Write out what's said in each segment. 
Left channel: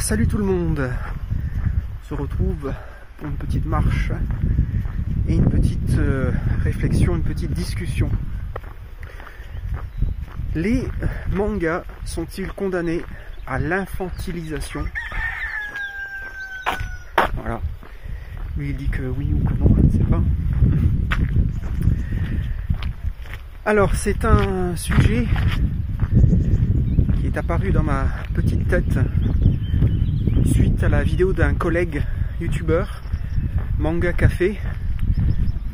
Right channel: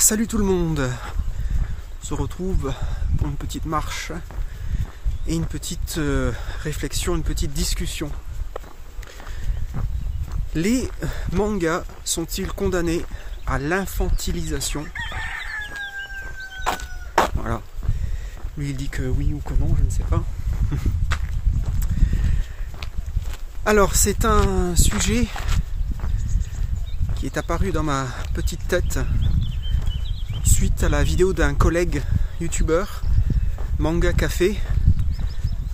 Salut tout le monde. On se retrouve pour une petite marche et une petite réflexion, une petite discussion. Les mangas sont-ils condamnés à l'infantilisation? Voilà. Lui il dit que oui ou que non, je ne sais pas. Alors c'est un sujet qui est apparu dans ma petite tête suite à la vidéo d'un collègue youtubeur, Manga Café,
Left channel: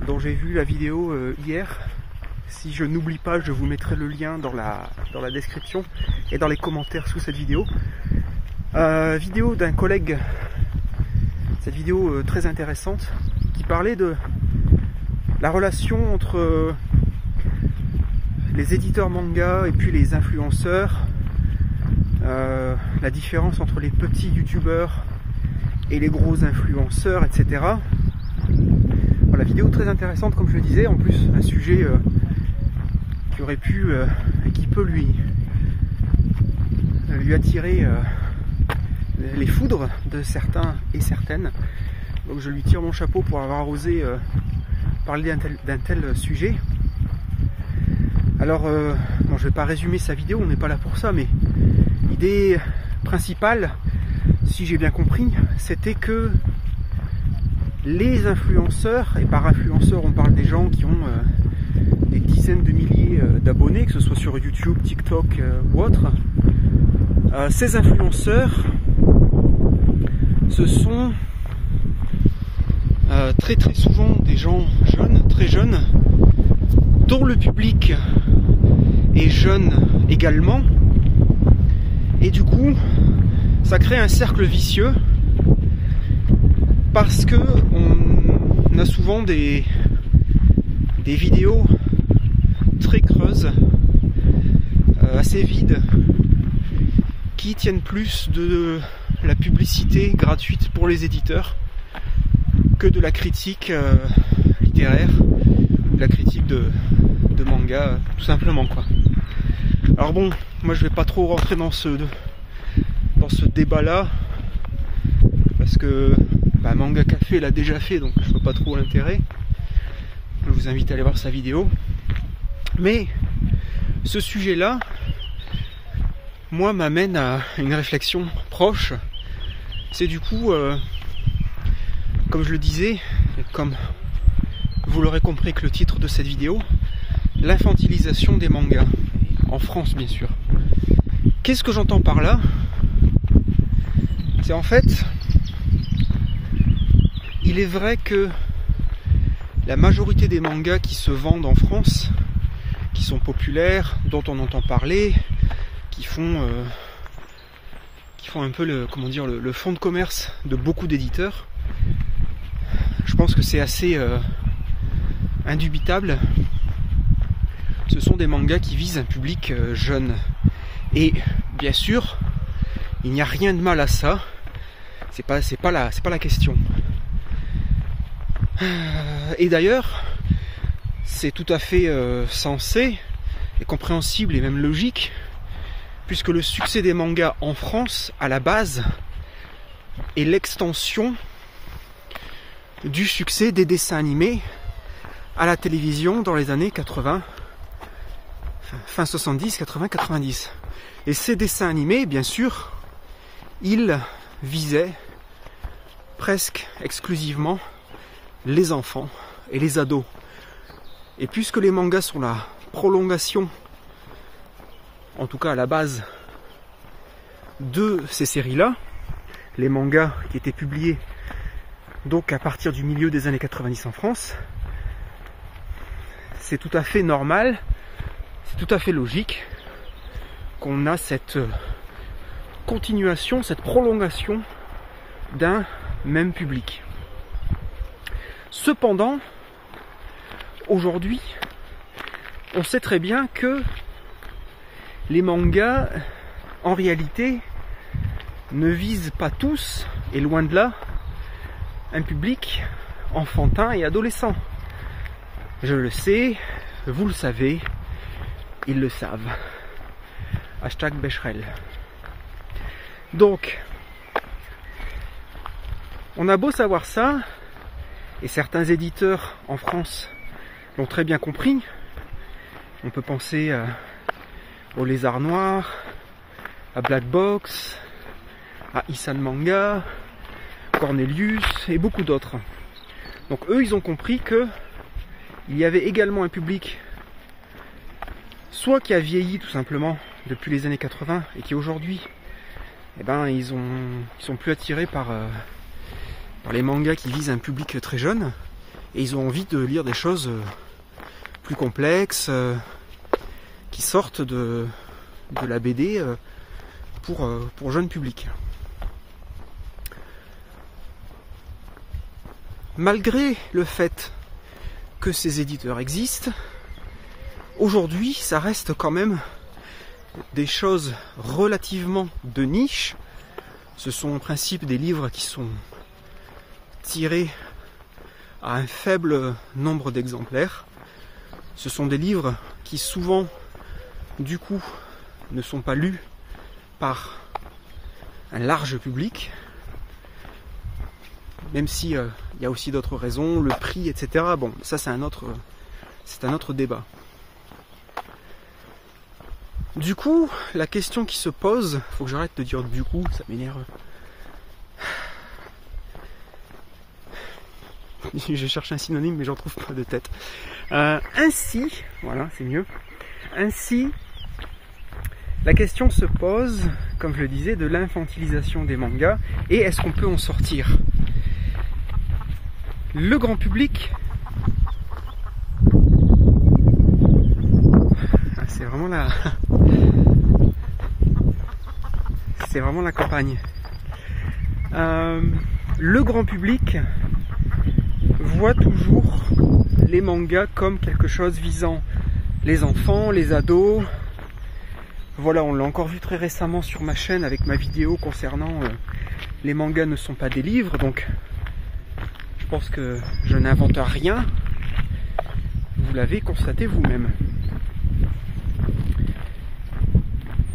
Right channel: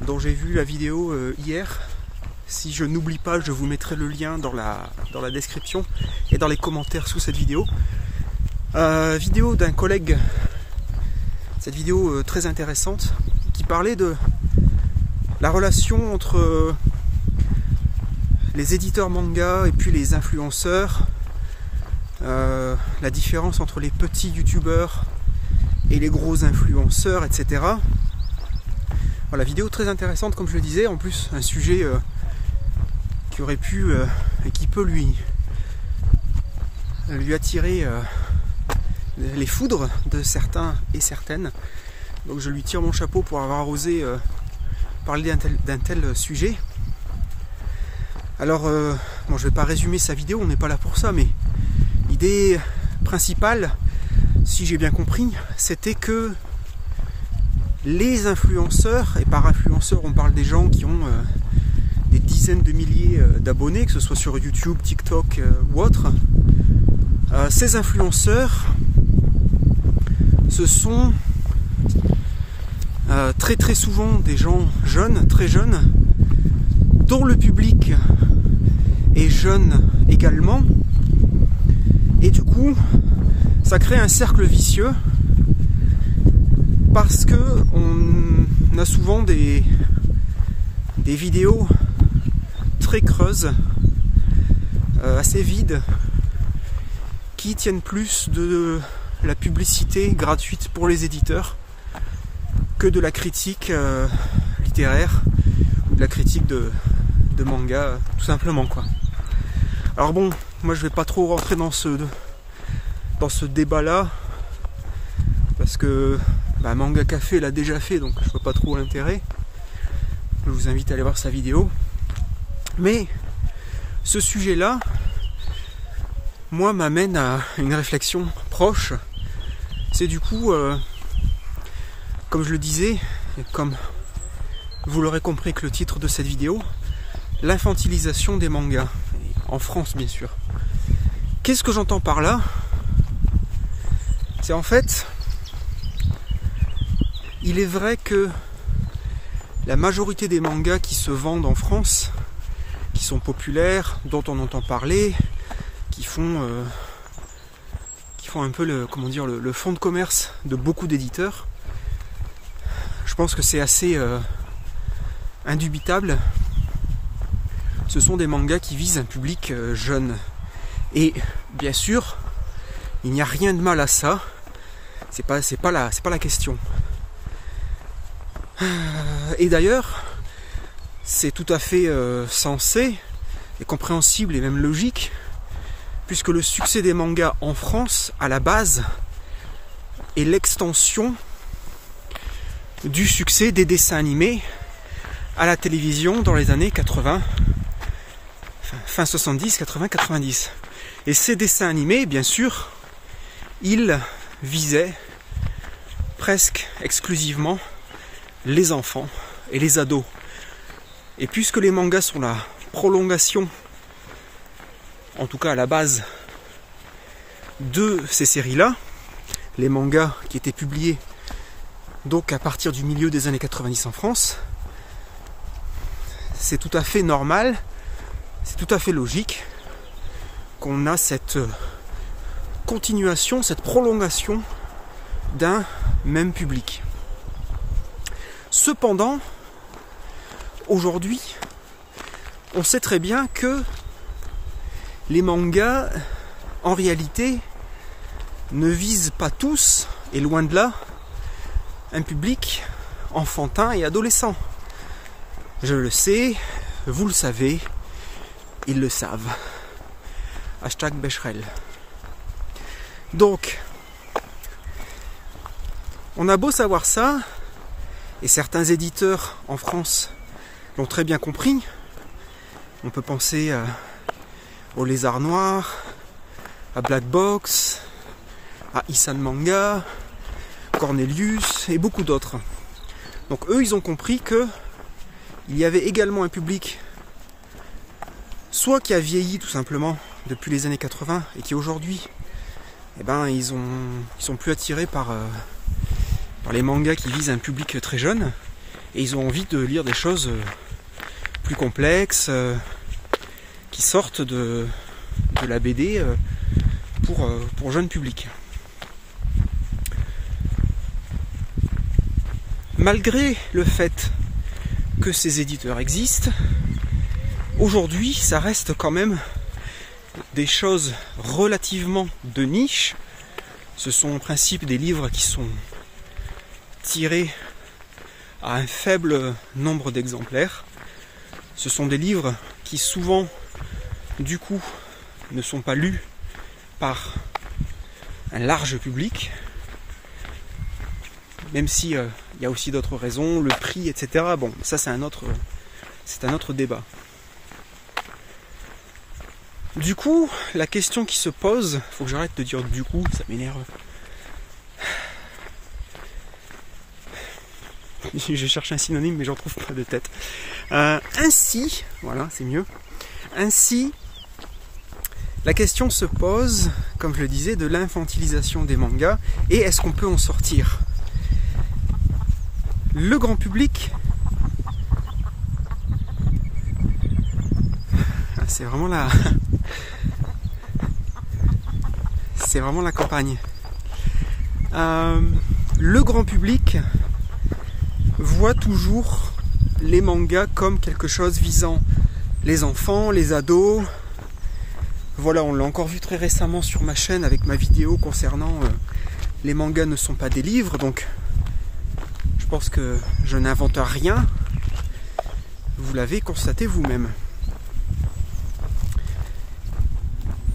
dont j'ai vu la vidéo hier. Si je n'oublie pas, je vous mettrai le lien dans la description et dans les commentaires sous cette vidéo. Vidéo d'un collègue, cette vidéo très intéressante, qui parlait de la relation entre les éditeurs manga et puis les influenceurs, la différence entre les petits youtubeurs et les gros influenceurs, etc. Voilà, vidéo très intéressante comme je le disais, en plus un sujet qui aurait pu et qui peut lui attirer les foudres de certains et certaines. Donc je lui tire mon chapeau pour avoir osé parler d'un tel sujet. Alors, bon, je ne vais pas résumer sa vidéo, on n'est pas là pour ça, mais l'idée principale, si j'ai bien compris, c'était que les influenceurs, et par influenceurs on parle des gens qui ont des dizaines de milliers d'abonnés, que ce soit sur YouTube, TikTok ou autre, ces influenceurs, ce sont très souvent des gens jeunes, très jeunes, dont le public est jeune également, et du coup ça crée un cercle vicieux parce que on a souvent des vidéos très creuses, assez vides, qui tiennent plus de la publicité gratuite pour les éditeurs que de la critique littéraire ou de la critique de manga, tout simplement, quoi. Alors bon, moi je vais pas trop rentrer dans ce débat là parce que Manga Café l'a déjà fait, donc je vois pas trop l'intérêt. Je vous invite à aller voir sa vidéo. Mais ce sujet là, moi, m'amène à une réflexion proche. C'est du coup, comme je le disais, et comme vous l'aurez compris avec le titre de cette vidéo, l'infantilisation des mangas, en France bien sûr. Qu'est-ce que j'entends par là? C'est en fait, il est vrai que la majorité des mangas qui se vendent en France, qui sont populaires, dont on entend parler, qui font un peu le fond de commerce de beaucoup d'éditeurs, je pense que c'est assez indubitable. Ce sont des mangas qui visent un public jeune. Et bien sûr, il n'y a rien de mal à ça. C'est pas la question. Et d'ailleurs, c'est tout à fait sensé et compréhensible et même logique, puisque le succès des mangas en France, à la base, est l'extension du succès des dessins animés à la télévision dans les années 80, fin 70, 80, 90. Et ces dessins animés, bien sûr, ils visaient presque exclusivement les enfants et les ados. Et puisque les mangas sont la prolongation, en tout cas à la base, de ces séries-là, les mangas qui étaient publiés donc à partir du milieu des années 90 en France, c'est tout à fait normal, c'est tout à fait logique qu'on a cette continuation, cette prolongation d'un même public. Cependant, aujourd'hui, on sait très bien que les mangas, en réalité, ne visent pas tous, et loin de là, un public enfantin et adolescent. Je le sais, vous le savez, ils le savent. Hashtag Becherel. Donc, On a beau savoir ça, et certains éditeurs en France l'ont très bien compris. On peut penser au Lézard Noir, à Black Box, à Isan Manga, Cornelius et beaucoup d'autres. Donc eux, ils ont compris que il y avait également un public soit qui a vieilli tout simplement depuis les années 80 et qui aujourd'hui, eh ben, ils sont plus attirés par les mangas qui visent un public très jeune et ils ont envie de lire des choses plus complexes qui sortent de la BD pour jeune public. Malgré le fait que ces éditeurs existent, aujourd'hui ça reste quand même des choses relativement de niche. Ce sont en principe des livres qui sont tirés à un faible nombre d'exemplaires. Ce sont des livres qui souvent, du coup, ne sont pas lus par un large public, même si il y a aussi d'autres raisons, le prix, etc. Bon, ça c'est un autre débat. Du coup, la question qui se pose, faut que j'arrête de dire du coup, ça m'énerve. Je cherche un synonyme mais j'en trouve pas de tête. Ainsi, voilà, c'est mieux. Ainsi, la question se pose, comme je le disais, de l'infantilisation des mangas et est-ce qu'on peut en sortir? Le grand public, c'est vraiment la campagne. Le grand public voit toujours les mangas comme quelque chose visant les enfants, les ados. Voilà, on l'a encore vu très récemment sur ma chaîne avec ma vidéo concernant les mangas ne sont pas des livres, donc je pense que je n'invente rien. Vous l'avez constaté vous-même.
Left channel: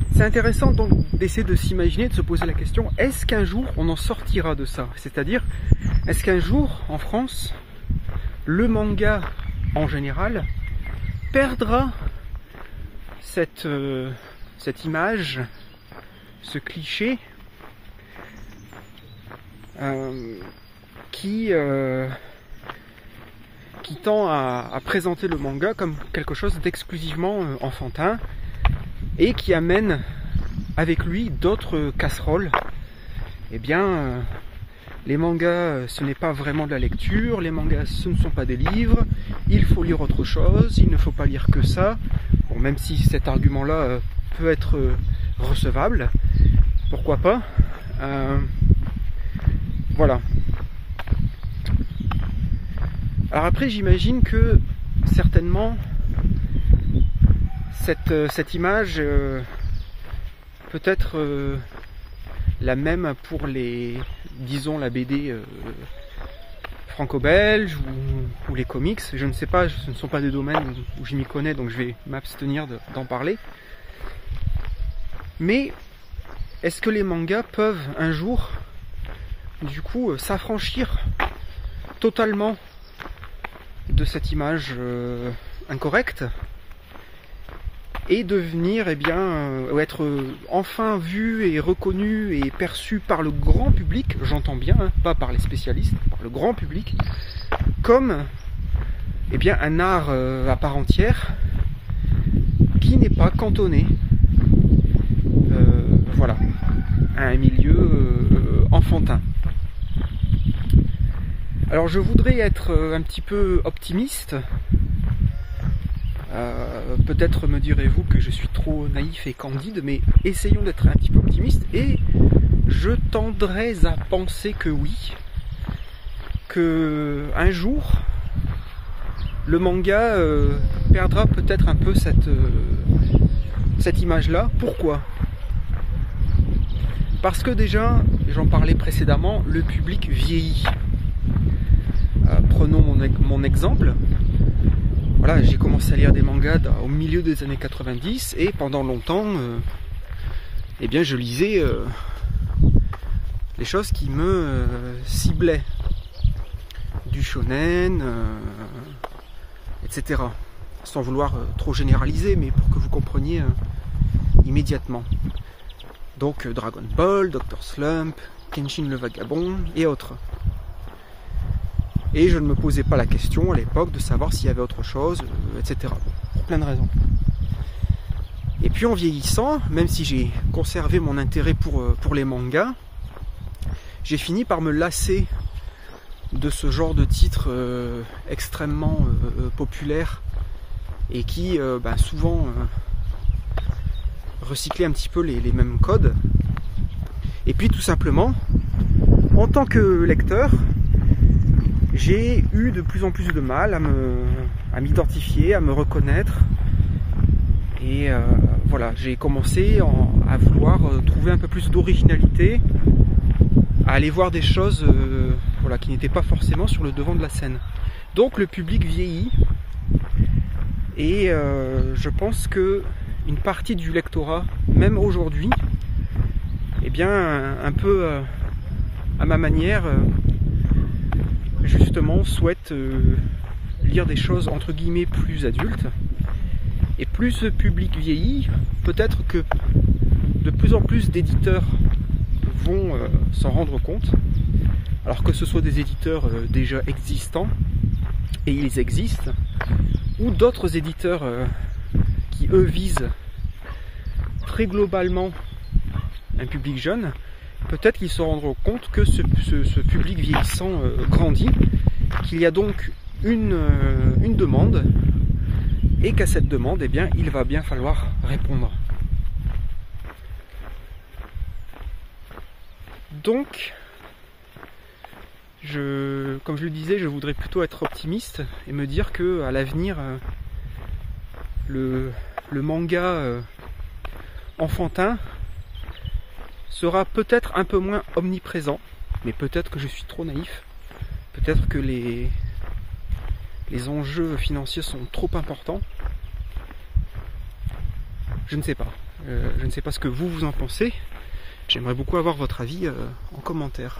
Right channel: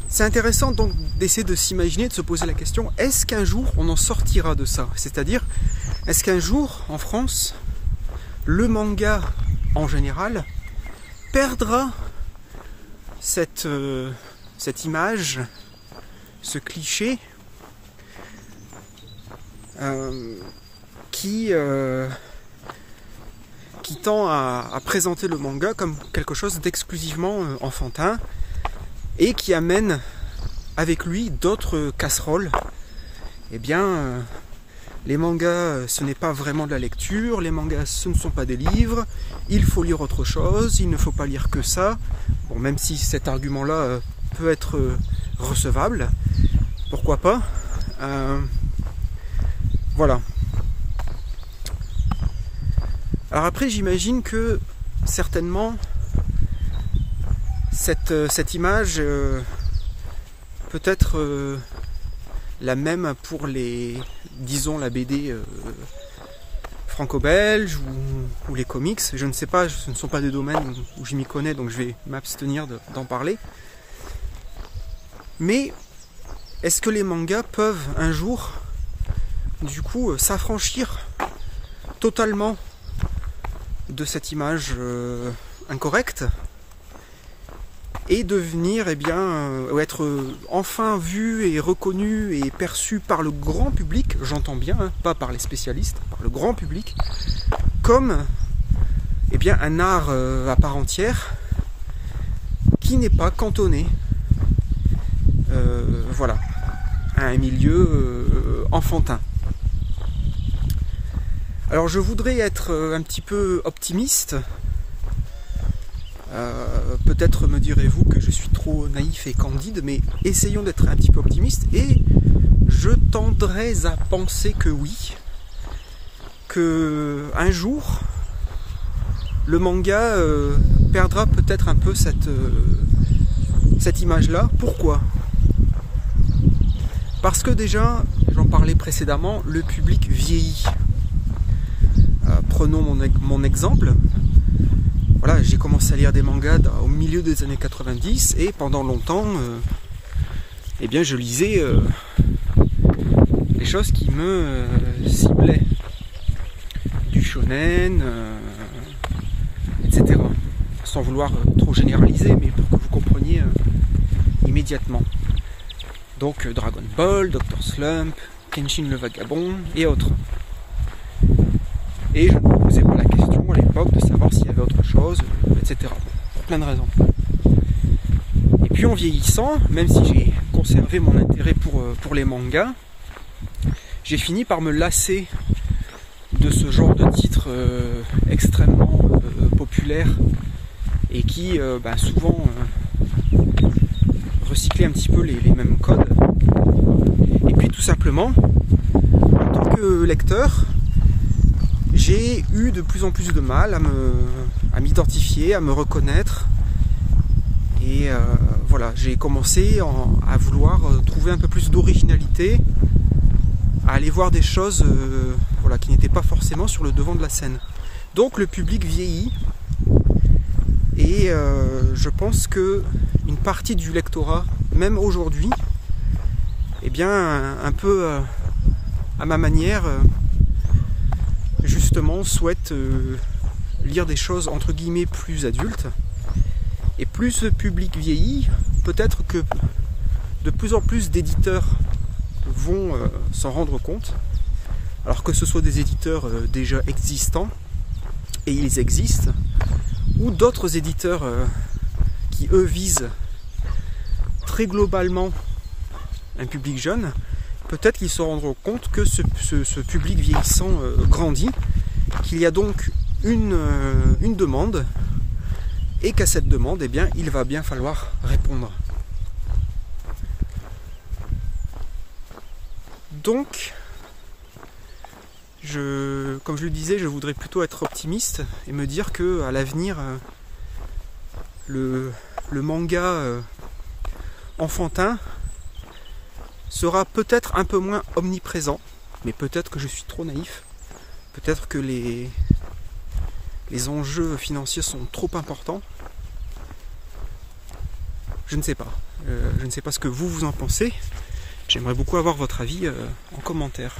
C'est intéressant donc d'essayer de s'imaginer, de se poser la question, est-ce qu'un jour on en sortira de ça? C'est-à-dire, est-ce qu'un jour, en France, le manga en général perdra cette image, ce cliché qui tend à présenter le manga comme quelque chose d'exclusivement enfantin et qui amène avec lui d'autres casseroles. Eh bien, les mangas, ce n'est pas vraiment de la lecture, les mangas, ce ne sont pas des livres, il faut lire autre chose, il ne faut pas lire que ça. Bon, même si cet argument-là peut être recevable, pourquoi pas. Voilà. Alors après, j'imagine que certainement cette image peut être la même pour disons la BD franco-belge ou les comics. Je ne sais pas, ce ne sont pas des domaines où je m'y connais, donc je vais m'abstenir d'en parler. Mais est-ce que les mangas peuvent un jour, du coup, s'affranchir totalement de cette image incorrecte et devenir, eh bien, être enfin vu et reconnu et perçu par le grand public, j'entends bien, hein, pas par les spécialistes, par le grand public, comme eh bien, un art à part entière qui n'est pas cantonné voilà, à un milieu enfantin. Alors je voudrais être un petit peu optimiste. Peut-être me direz-vous que je suis trop naïf et candide, mais essayons d'être un petit peu optimiste et je tendrais à penser que oui, que un jour le manga perdra peut-être un peu cette image-là. Pourquoi ? Parce que déjà, j'en parlais précédemment, le public vieillit. Prenons mon exemple. Voilà, j'ai commencé à lire des mangas au milieu des années 90 et pendant longtemps, eh bien, je lisais les choses qui me ciblaient. Du shonen, etc. Sans vouloir trop généraliser, mais pour que vous compreniez immédiatement. Donc Dragon Ball, Dr. Slump, Kenshin le Vagabond et autres. Et je ne me posais pas la question à l'époque de savoir s'il y avait autre chose, etc. Pour plein de raisons. Et puis en vieillissant, même si j'ai conservé mon intérêt pour les mangas, j'ai fini par me lasser de ce genre de titres extrêmement populaires et qui souvent recyclaient un petit peu les mêmes codes. Et puis tout simplement, en tant que lecteur, j'ai eu de plus en plus de mal à m'identifier, à me reconnaître. Et voilà, j'ai commencé à vouloir trouver un peu plus d'originalité, à aller voir des choses qui n'étaient pas forcément sur le devant de la scène. Donc le public vieillit et je pense que une partie du lectorat, même aujourd'hui, eh bien un peu à ma manière, justement souhaite lire des choses entre guillemets plus adultes. Et plus ce public vieillit, peut-être que de plus en plus d'éditeurs vont s'en rendre compte. Alors que ce soit des éditeurs déjà existants, et ils existent, ou d'autres éditeurs qui eux visent très globalement un public jeune, peut-être qu'ils se rendront compte que ce public vieillissant grandit, qu'il y a donc une demande, et qu'à cette demande, eh bien, il va bien falloir répondre. Donc, comme je le disais, je voudrais plutôt être optimiste et me dire que à l'avenir, le manga enfantin sera peut-être un peu moins omniprésent, mais peut-être que je suis trop naïf, peut-être que les enjeux financiers sont trop importants. Je ne sais pas. Je ne sais pas ce que vous en pensez. J'aimerais beaucoup avoir votre avis en commentaire.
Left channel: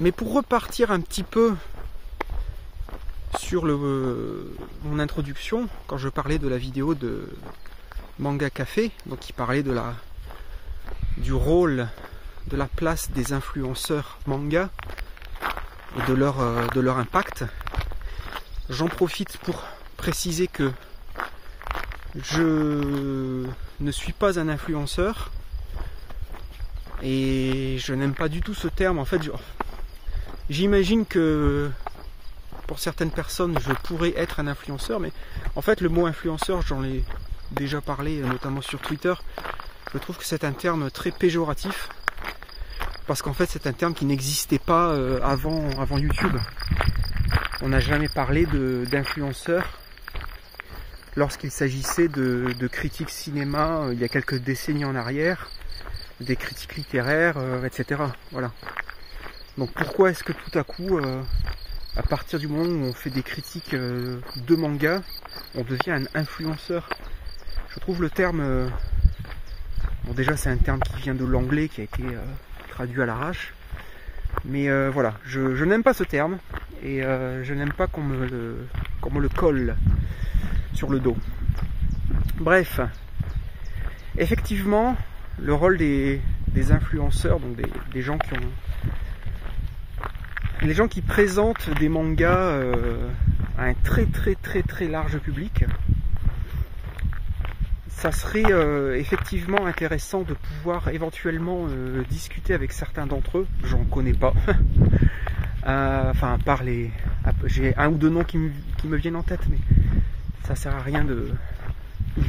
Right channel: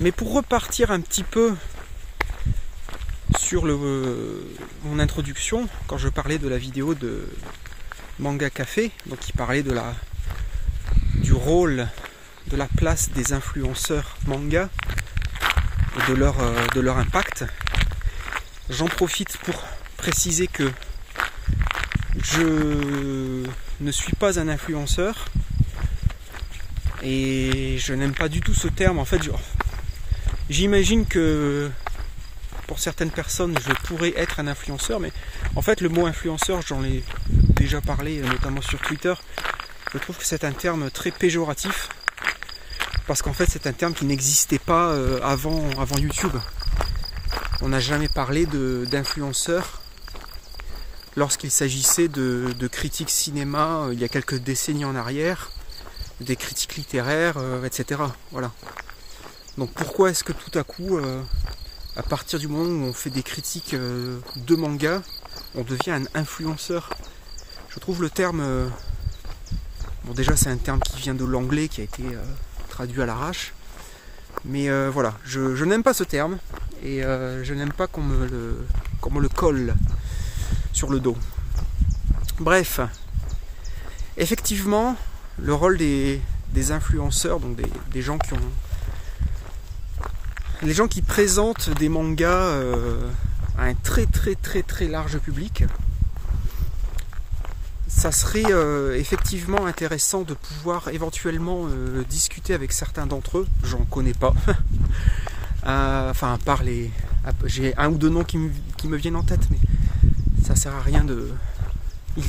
Mais pour repartir un petit peu sur mon introduction, quand je parlais de la vidéo de Manga Café, donc qui parlait du rôle, de la place des influenceurs manga et de leur impact, j'en profite pour préciser que je ne suis pas un influenceur et je n'aime pas du tout ce terme. En fait, j'imagine que pour certaines personnes je pourrais être un influenceur, mais en fait le mot influenceur, j'en ai déjà parlé notamment sur Twitter, je trouve que c'est un terme très péjoratif parce qu'en fait c'est un terme qui n'existait pas avant YouTube. On n'a jamais parlé d'influenceurs lorsqu'il s'agissait de critiques cinéma il y a quelques décennies en arrière, des critiques littéraires, etc. Voilà. Donc pourquoi est-ce que tout à coup, à partir du moment où on fait des critiques de manga, on devient un influenceur? Je trouve le terme... bon, déjà c'est un terme qui vient de l'anglais, qui a été traduit à l'arrache. Mais voilà, je n'aime pas ce terme. Et je n'aime pas qu'on me le colle sur le dos. Bref, effectivement, le rôle des influenceurs, donc des gens qui ont... les gens qui présentent des mangas à un très très très très large public, ça serait effectivement intéressant de pouvoir éventuellement discuter avec certains d'entre eux. J'en connais pas. Enfin, à part j'ai un ou deux noms qui me viennent en tête, mais ça sert à rien de...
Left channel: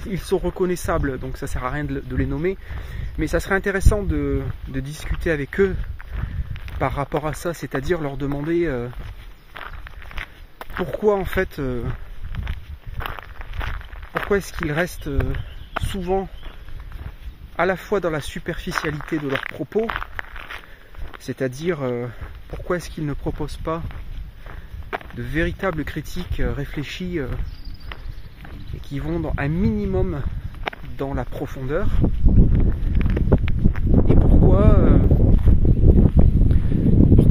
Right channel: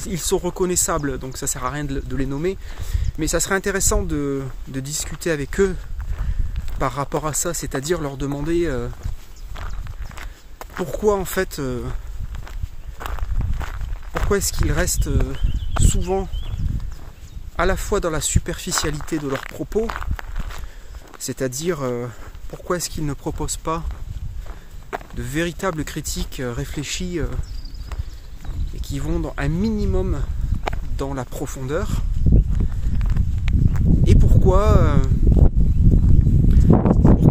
Ils sont reconnaissables, donc ça sert à rien de les nommer. Mais ça serait intéressant de discuter avec eux par rapport à ça, c'est-à-dire leur demander pourquoi en fait... pourquoi est-ce qu'ils restent souvent à la fois dans la superficialité de leurs propos, c'est-à-dire... pourquoi est-ce qu'ils ne proposent pas de véritables critiques réfléchies et qui vont un minimum dans la profondeur? et pourquoi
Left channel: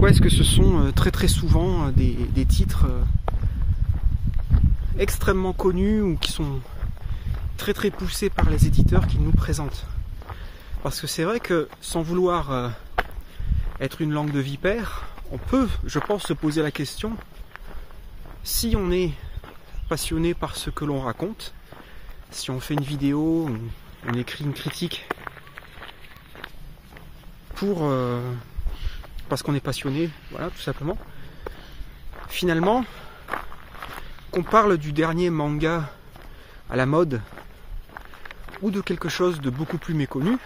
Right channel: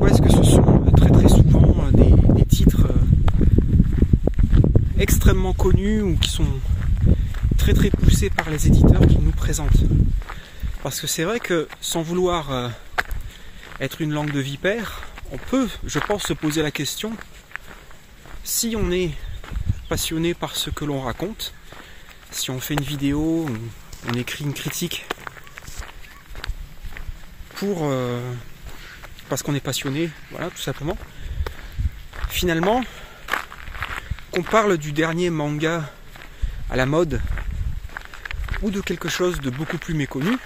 est-ce que ce sont très souvent des titres extrêmement connus ou qui sont très poussés par les éditeurs qui nous présentent. Parce que c'est vrai que sans vouloir être une langue de vipère, on peut, je pense, se poser la question, si on est passionné par ce que l'on raconte, si on fait une vidéo, on écrit une critique parce qu'on est passionné, voilà, tout simplement. Finalement, qu'on parle du dernier manga à la mode ou de quelque chose de beaucoup plus méconnu,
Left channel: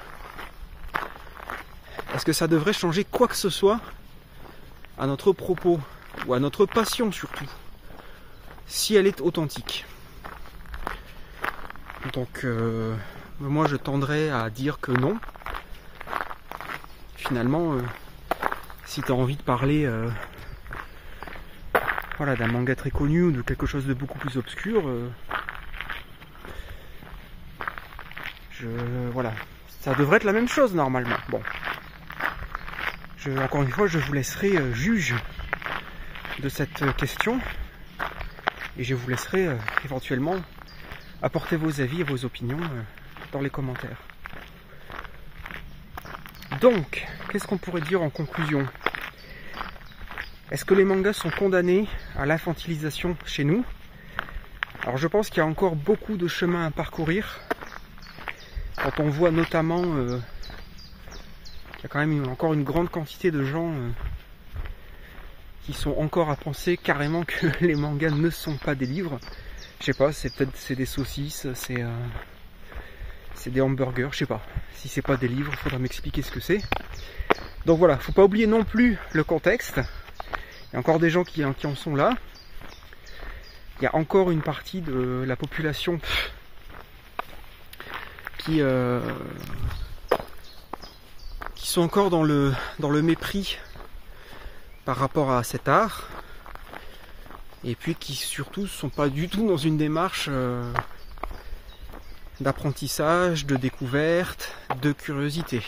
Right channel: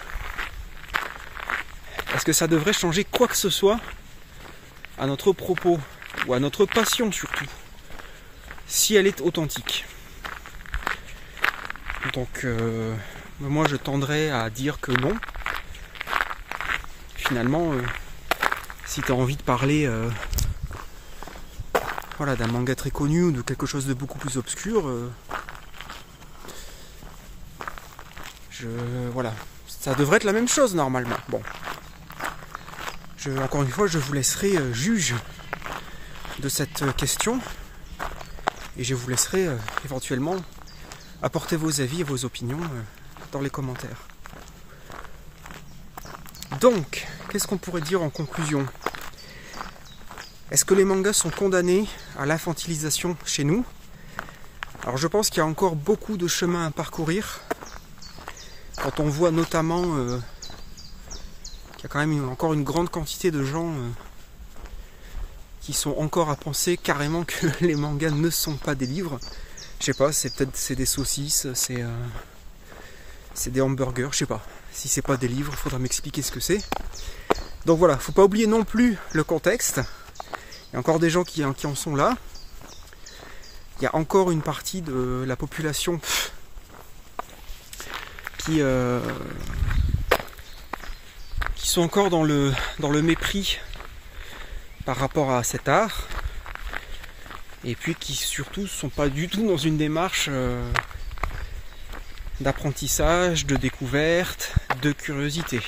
est-ce que ça devrait changer quoi que ce soit à notre propos ou à notre passion surtout, si elle est authentique? Donc moi je tendrais à dire que non. Finalement, si tu as envie de parler voilà, d'un manga très connu ou de quelque chose de beaucoup plus obscur, voilà, ça devrait être la même chose normalement. Bon, encore une fois, je vous laisserai juge de cette question et je vous laisserai éventuellement apporter vos avis et vos opinions dans les commentaires. Donc, qu'est-ce qu'on pourrait dire en conclusion? Est-ce que les mangas sont condamnés à l'infantilisation chez nous? Alors je pense qu'il y a encore beaucoup de chemin à parcourir. Quand on voit notamment qu'il y a quand même encore une grande quantité de gens qui sont encore à penser carrément que les mangas ne sont pas des livres. Je sais pas, c'est des saucisses, c'est des hamburgers, je sais pas. Si c'est pas des livres, il faudra m'expliquer ce que c'est. Donc voilà, faut pas oublier non plus le contexte. Il y a encore des gens qui en sont là. Il y a encore une partie de la population qui sont encore dans le mépris par rapport à cet art. Et puis qui surtout ne sont pas du tout dans une démarche d'apprentissage, de découverte, de curiosité.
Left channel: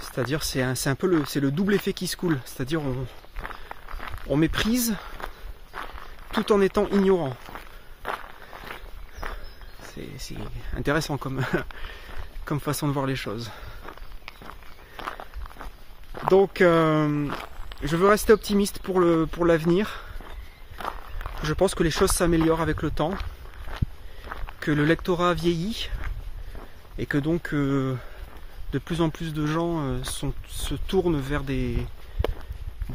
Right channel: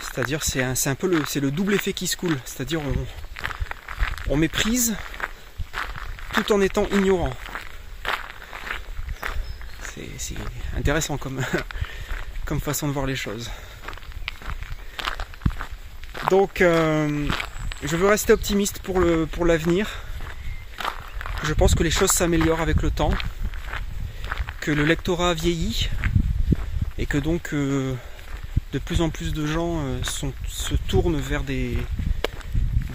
C'est-à-dire c'est un peu le double effet qui se coule. C'est-à-dire on méprise tout en étant ignorant. C'est intéressant comme façon de voir les choses. Donc je veux rester optimiste pour l'avenir. Je pense que les choses s'améliorent avec le temps, que le lectorat vieillit et que donc de plus en plus de gens se tournent vers des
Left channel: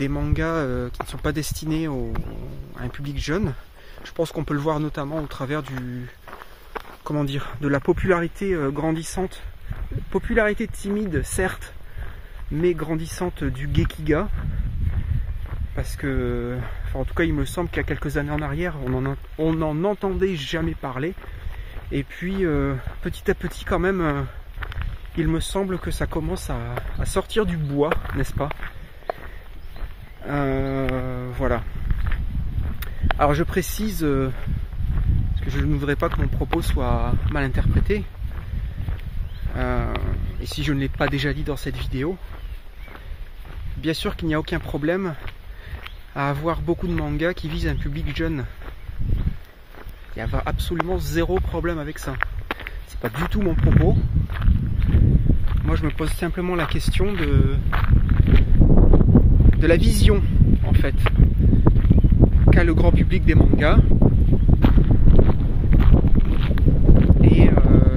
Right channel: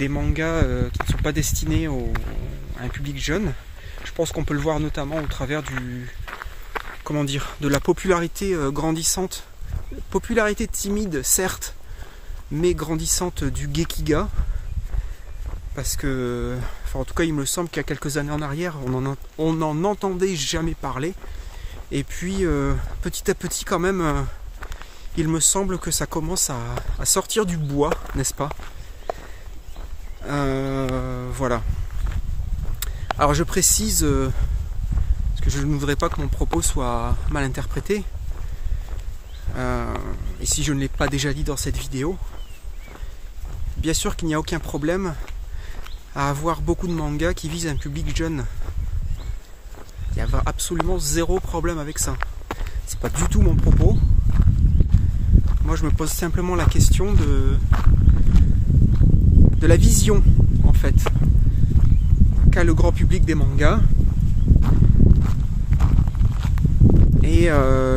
mangas qui ne sont pas destinés à un public jeune. Je pense qu'on peut le voir notamment au travers de la popularité grandissante, popularité timide certes, mais grandissante du Gekiga. Parce que, enfin, en tout cas, il me semble qu'il y a quelques années en arrière, on n'en entendait jamais parler. Et puis, petit à petit, quand même, il me semble que ça commence à sortir du bois, n'est-ce pas? Voilà. Alors, je précise, parce que je ne voudrais pas que mon propos soit mal interprété. Et si je ne l'ai pas déjà dit dans cette vidéo, bien sûr qu'il n'y a aucun problème à avoir beaucoup de mangas qui visent un public jeune. Il y a absolument zéro problème avec ça. C'est pas du tout mon propos. Moi je me pose simplement la question de la vision en fait qu'a le grand public des mangas. Et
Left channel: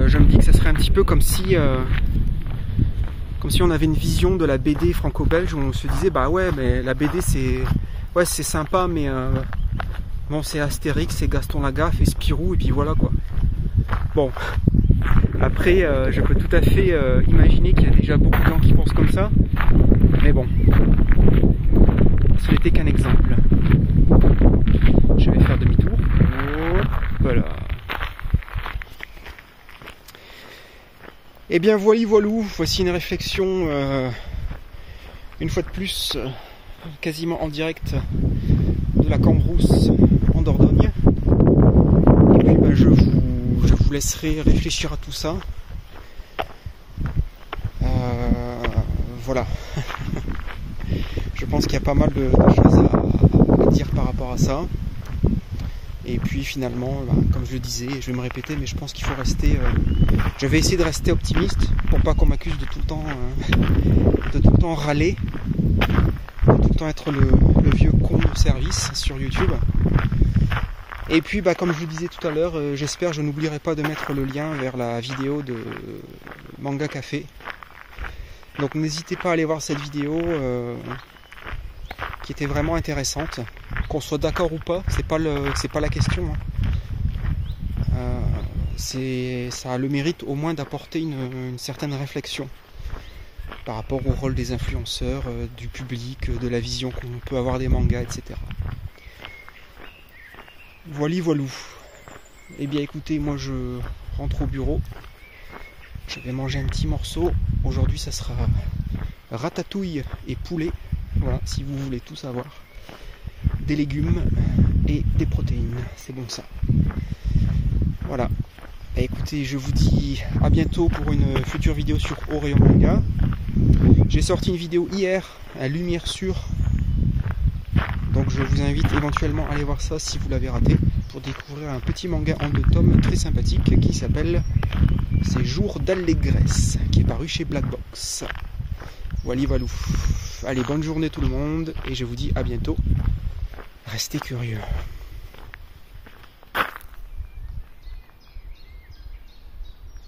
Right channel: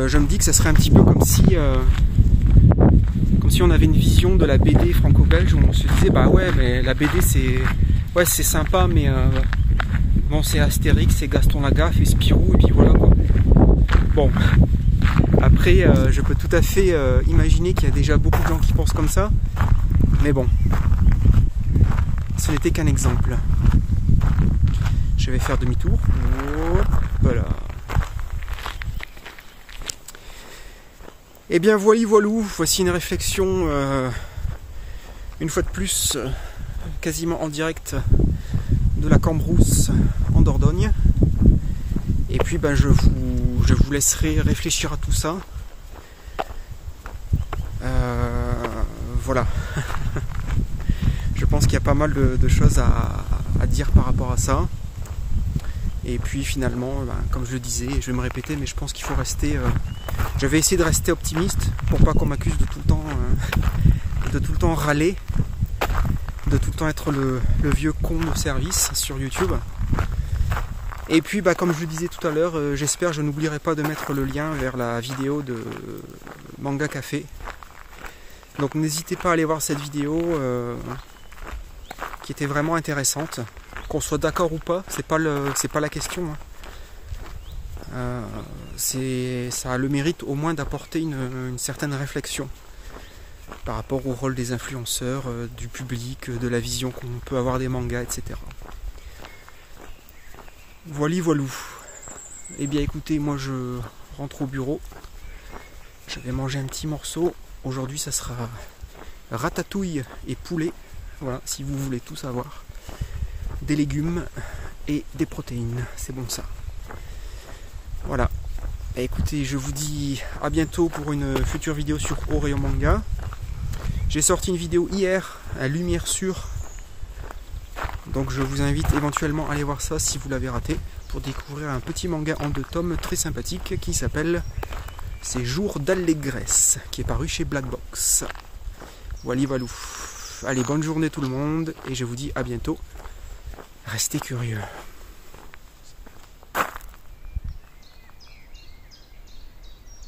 je me dis que ça serait un petit peu comme si on avait une vision de la BD franco-belge où on se disait bah ouais mais la BD c'est sympa mais bon c'est Astérix, c'est Gaston Lagaffe et Spirou et puis voilà quoi. Bon, après je peux tout à fait imaginer qu'il y a déjà beaucoup de gens qui pensent comme ça, mais bon, ce n'était qu'un exemple. Je vais faire demi-tour. Voilà. Et bien voilou, voici une réflexion une fois de plus quasiment en direct de la Cambrousse en Dordogne. Et puis ben, je vous laisserai réfléchir à tout ça. voilà. Je pense qu'il y a pas mal de choses à dire par rapport à ça. Et puis finalement, comme je le disais, je vais me répéter, mais je pense qu'il faut rester... je vais essayer de rester optimiste pour pas qu'on m'accuse de tout le temps râler, de tout le temps être le vieux con de service sur YouTube. Et puis comme je le disais tout à l'heure, j'espère, je n'oublierai pas de mettre le lien vers la vidéo de Manga Café. Donc n'hésitez pas à aller voir cette vidéo qui était vraiment intéressante. Qu'on soit d'accord ou pas, c'est pas la question. Ça a le mérite au moins d'apporter une certaine réflexion par rapport au rôle des influenceurs, du public, de la vision qu'on peut avoir des mangas, etc. Voilou. Eh bien écoutez, moi je rentre au bureau. Je vais manger un petit morceau. Aujourd'hui ça sera ratatouille et poulet. Voilà, si vous voulez tout savoir. Des légumes et des protéines, c'est bon ça. Voilà. Et écoutez, je vous dis à bientôt pour une future vidéo sur Oreo Manga. J'ai sorti une vidéo hier à lumière sûre. Donc je vous invite éventuellement à aller voir ça si vous l'avez raté, pour découvrir un petit manga en 2 tomes très sympathique qui s'appelle Ces jours d'allégresse, qui est paru chez Black Box. Voilou. Allez, bonne journée tout le monde et je vous dis à bientôt. Restez curieux.